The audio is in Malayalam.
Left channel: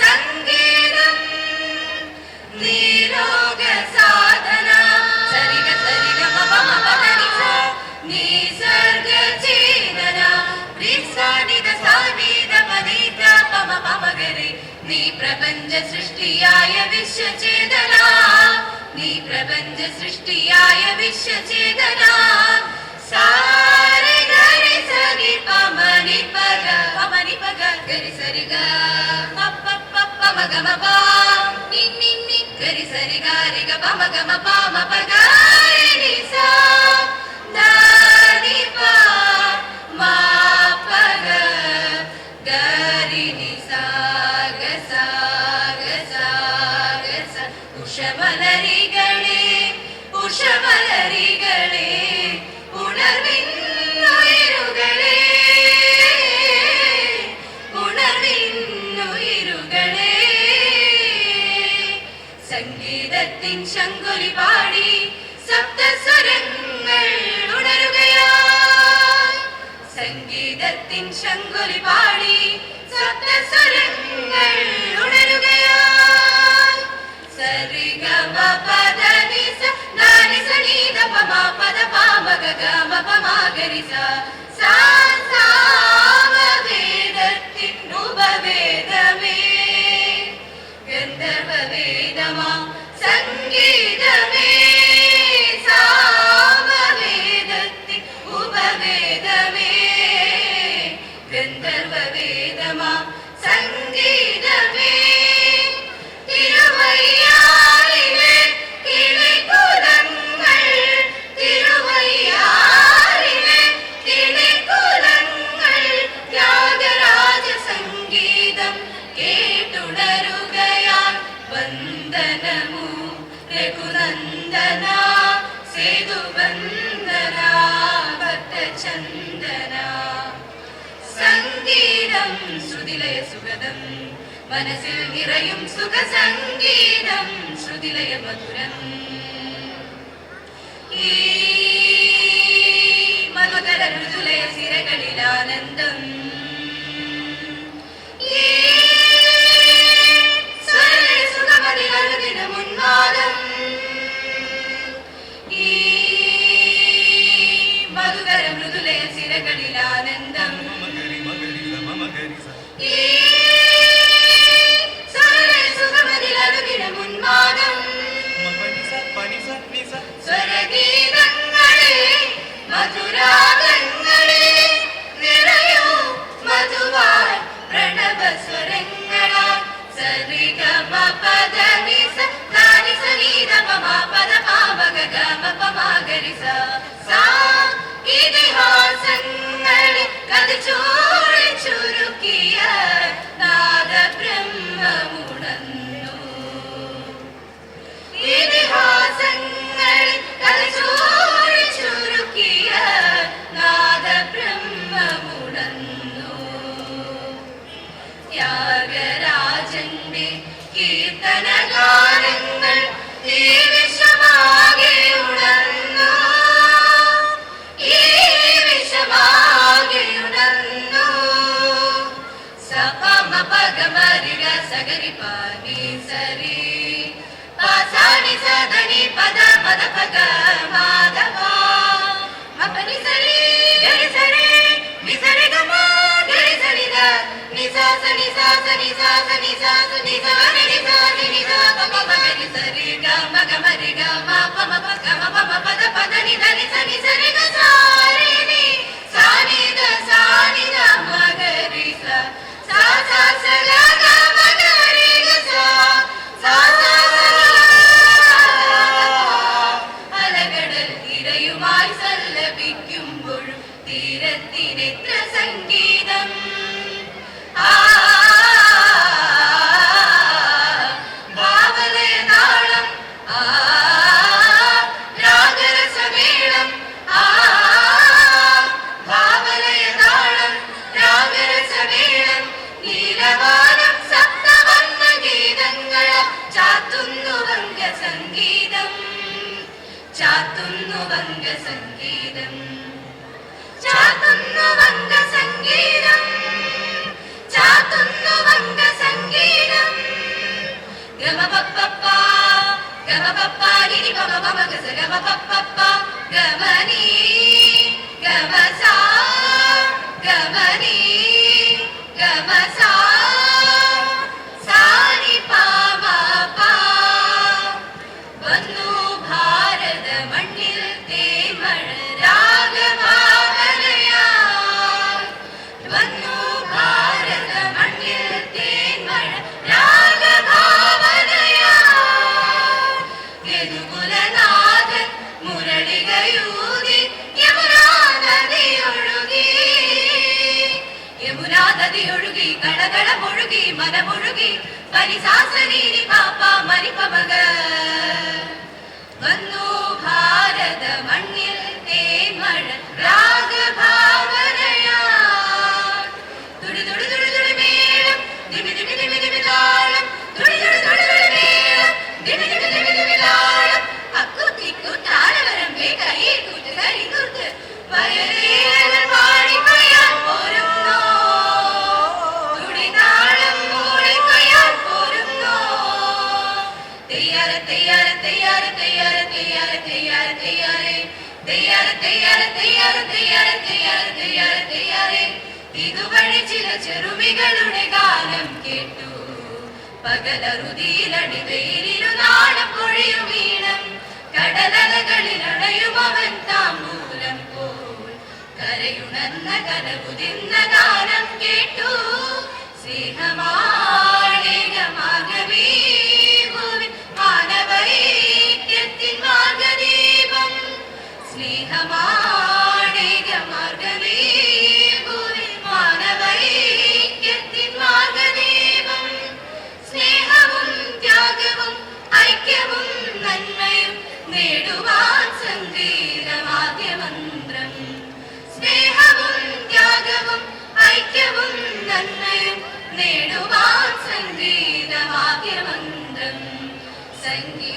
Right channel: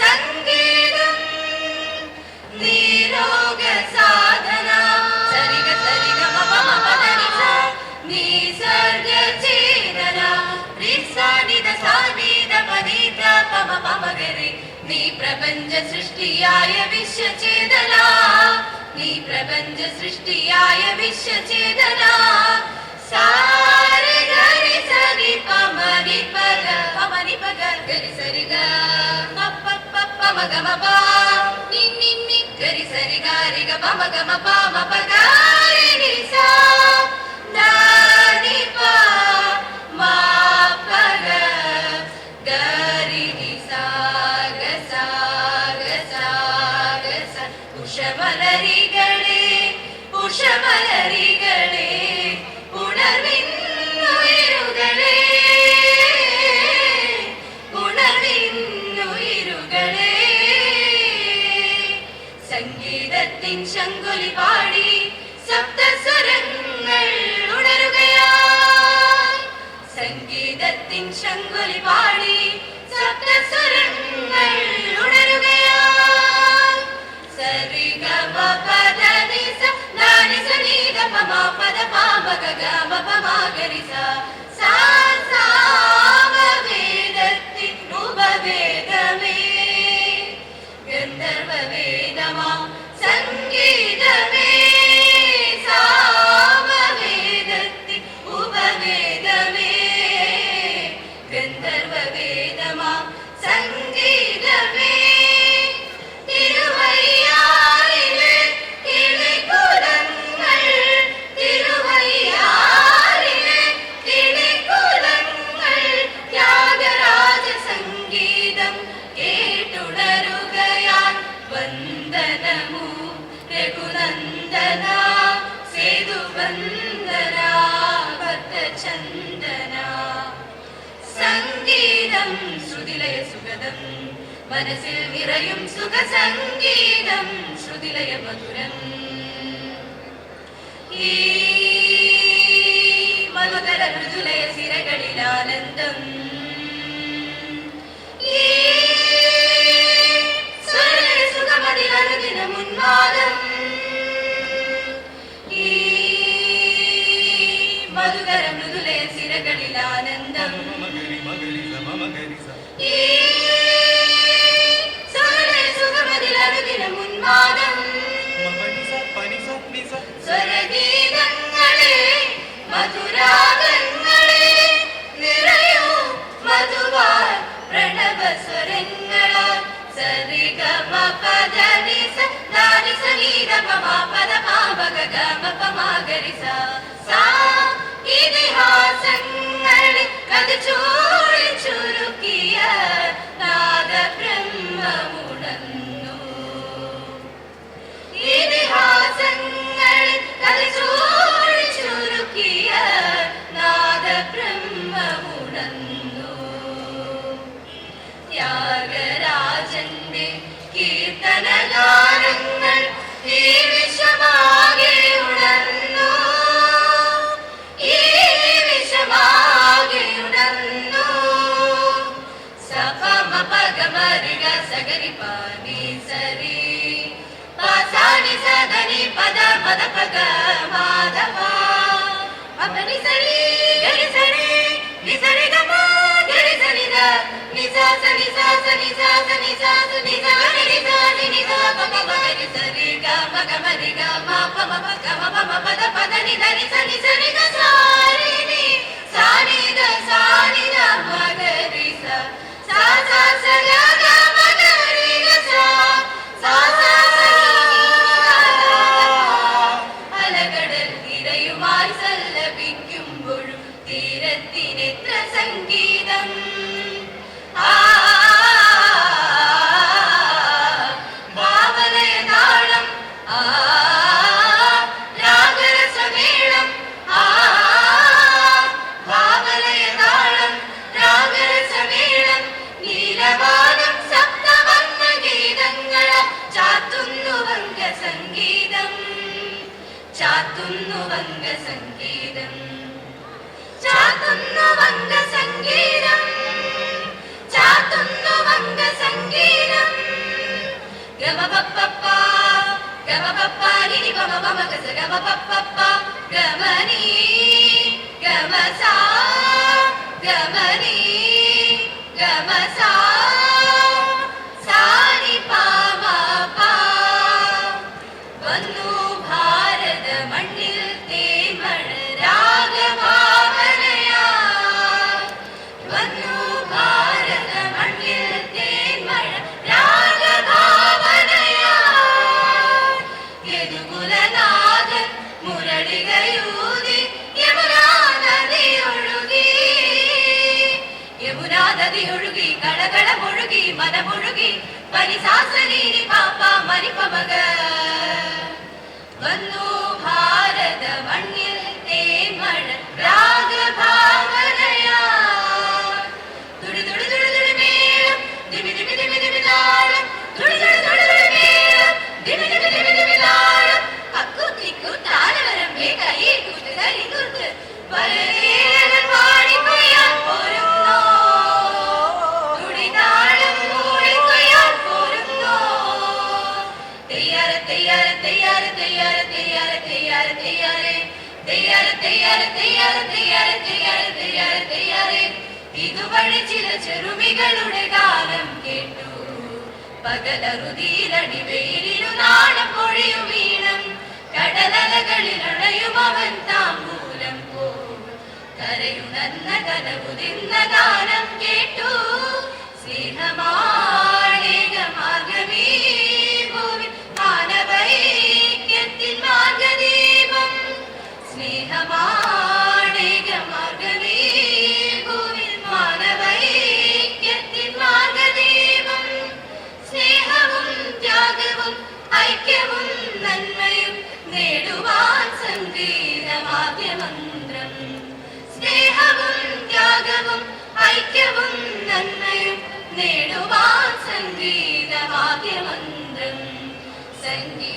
സംഗീതം നീരോഗ സാധന സരിഗ സരിഗ മപ പദനി സ നിസർഗ ചേതന രിസാനിദ സാനിദ പനിദ പമ പമഗരി നീ പ്രപഞ്ച സൃഷ്ടിയായ വിശ്വചേതന നീ പ്രപഞ്ച സൃഷ്ടിയായ വിശ്വചേതന സാരെ ഗരി സരി പമനി പഗ ഗരി സരി ഗ മപ പപ മഗ മപ നി നി നി ഗരി സരി ഗ രി ഗ പമ ഗ മപ മപ ഗ രി നി സ ദ നി പ മ പ ഗ ഗ രി നി സ ഗ സ ഗ സ ഗ സ ഉഷമലരികളെ ഉഷമലരികളെ ഉണർവിൻ ഉയരുകളെ ഉണർവിൻ ഉയരുകളെ സംഗീതത്തിൻ ശങ്കുലി പാടി സപ്തസ്വരങ്ങൾ ഉണരുകയായി സംഗീതത്തിൻ ശങ്കുലി പാടി സപ്തസ്വരങ്ങൾ ഉണരുകയായി സരി ഗ മ പദ നി സ നി സ നി ധ പ മ പദ പ മ ഗ ഗ മ പ മ ഗ രി സ സാ സാമവേദത്തിൻ ഉപവേദമേ ഗന്ധർവവേദമാ സംഗീതമേ സാമവേദത്തിൻ ഉപവേദമേ ഗന്ധർവവേദമാ സംഗീതമേ തിരുവയ്യാറിലെ കിളികുലങ്ങൾ തിരുവയ്യാറിലെ കിളികുലങ്ങൾ ത്യാഗരാജ സംഗീതം കേട്ടുണരുകയാൽ വന്ദനമു രഘുനന്ദന സേതുവന്ദന ഭക്തചന്ദന സംഗീതം ശ്രുതിലയ സുഗതം മനസ്സിൽ നിറയും സുഖസംഗീതം ശ്രുതിലയ മധുരം ഈ മധുകര മൃദുലയ സിരകളിൽ ആനന്ദം ഈ സ്വരലയ സുഖമതിൽ അനുദിനം ഉന്മാദം ഈ മധുകര മൃദുലയ സിരകളിൽ ആനന്ദം ഈ സ്വരഗീതങ്ങളെ മധുരാഗങ്ങളെ നിറയൂ മധുവാൻ പ്രണവ സ്വരങ്ങളാൽ സരി ഗ മ പദ നി സ നി സ നി ധ പ മ പദ പ മ ഗ ഗ മ പ മ ഗ രി സ സാ ഇതിഹാസങ്ങളെ കഥ ചൂടി ചുരുക്കിയ നാദബ്രഹ്മമുണർന്നു ഇതിഹാസങ്ങൾ കലചൂടി ചുരുക്കിയ നാദബ്രഹ്മമുണർന്നു ത്യാഗരാജന്റെ കീർത്തനഗാനങ്ങൾ ഈ വിശ്വമാകെ ഉണർന്നു ഈ വിശ്വമാകെ ഉണർന്നു സപ മ പ ഗ മ രി ഗ സ ഗ രി പ നി സ രി പ സ നി സ ധ നി പ ധ പ ധ പ ഗ മ ധ പ മ പ നി സ രി ഗ രി സ രി നി സ രി ഗ മ ഗ രി സ നി ധ നി സ സ നി സ സ നി സ സ നി സ സ നി സ നി രി സ നി നി ധ പ പ ഗ രി സ രി ഗ മ ഗ മ രി ഗ മ പ മ പ ഗ മ പ മ പ ധ പ ധ നി ധ നി സ നി സ രി ഗ സ രി നി സ നി ധ സ നി ധ മ ഗ രി സ സ സ സ ഗ ഗ മ ഗ രി ഗ സ സ സ സ അലകടൽ തിരയുമായി സല്ലപിക്കുമ്പോഴും തീരത്തിനെത്ര സംഗീതം ഭാവലയ താളം രാഗരസമേളം ചാത്തുന്നു വംഗ സംഗീതം, ചാത്തുന്നു വംഗ സംഗീതം, ചാത്തുന്നു വംഗ സംഗീതം. ഗമപപ്പ ഗമപപ്പ നിനി പമ പമ ഗസ ഗമപപ്പ ഗമനി ഗമസാ ഗമനി ഗമസാ സാനി പാമ പാ. വന്നു ഭാരത മണ്ണിൽ തേന്മഴ രാഗഭാവനയായി, വന്നു ഭാരത മണ്ണിൽ തേന്മഴ രാഗഭാവനയായി. യദുകുലനാഥൻ മുരളികയൂതി യമുനാ നദിയൊഴുകി, യമുനാ നദിയൊഴുകി കടകട മുഴുകി മനമൊഴുകി പരിസാസനീരി പാപ്പ മരിപ്പമക. വന്നു ഭാരത മണ്ണിൽ തേന്മഴ രാഗഭാവനയായി. തുടി തുടി തുടി തുടി മേളം ദിമി ദിമി ദിമി ദിമി താളം, തുടി തുടി തുടി തുടി മേളം ദിമി ദിമി ദിമി ദിമി താളം. അക്കുത്തിക്കു താരവരമ്പേ കൈയിൽ കുത്ത് കരി കുത്ത് വരവേലൻ പാടി കൊയ്യാൻ പോരുന്നോ, തുടി താളം മൂളി കൊയ്യാൻ പോരുന്നോ. തെയ്യാറെ തെയ്യാറെ തെയ്യാറെ തെയ്യാറെ തെയ്യാറെ തെയ്യാറെ തെയ്യാറെ തെയ്യാറെ തെയ്യാറെ തെയ്യാറെ തെയ്യാറെ തെയ്യാറെ തെയ്യാറെ തെയ്യാറെ. ഇതുവഴി ചില ചെറുമികളുടെ ഗാനം കേട്ടു, പകലറുതിയിലടി വെയിലിനു നാണം പൊഴിയും വീണം. കടലലകളിൽ അണയുമവൻ താമ്പൂലം പോൽ, കരയുണർന്ന കരവുതിർന്ന ഗാനം കേട്ടു. സ്നേഹമാണേകമാകവീ ഭൂവിൽ മാനവൈക്യത്തിൻ മാർഗദീപം, സ്നേഹമാണേകമാർഗവീ ഭൂവിൽ മാനവൈക്യത്തിൻ മാർഗദീപം. സ്നേഹവും ത്യാഗവും ഐക്യവും നന്മയും നേടുവാൻ സംഗീതമാദ്യമന്ത്രം, സ്നേഹവും ത്യാഗവും ഐക്യവും നന്മയും നേടുവാൻ സംഗീതമാദ്യമന്ത്രം. സംഗീത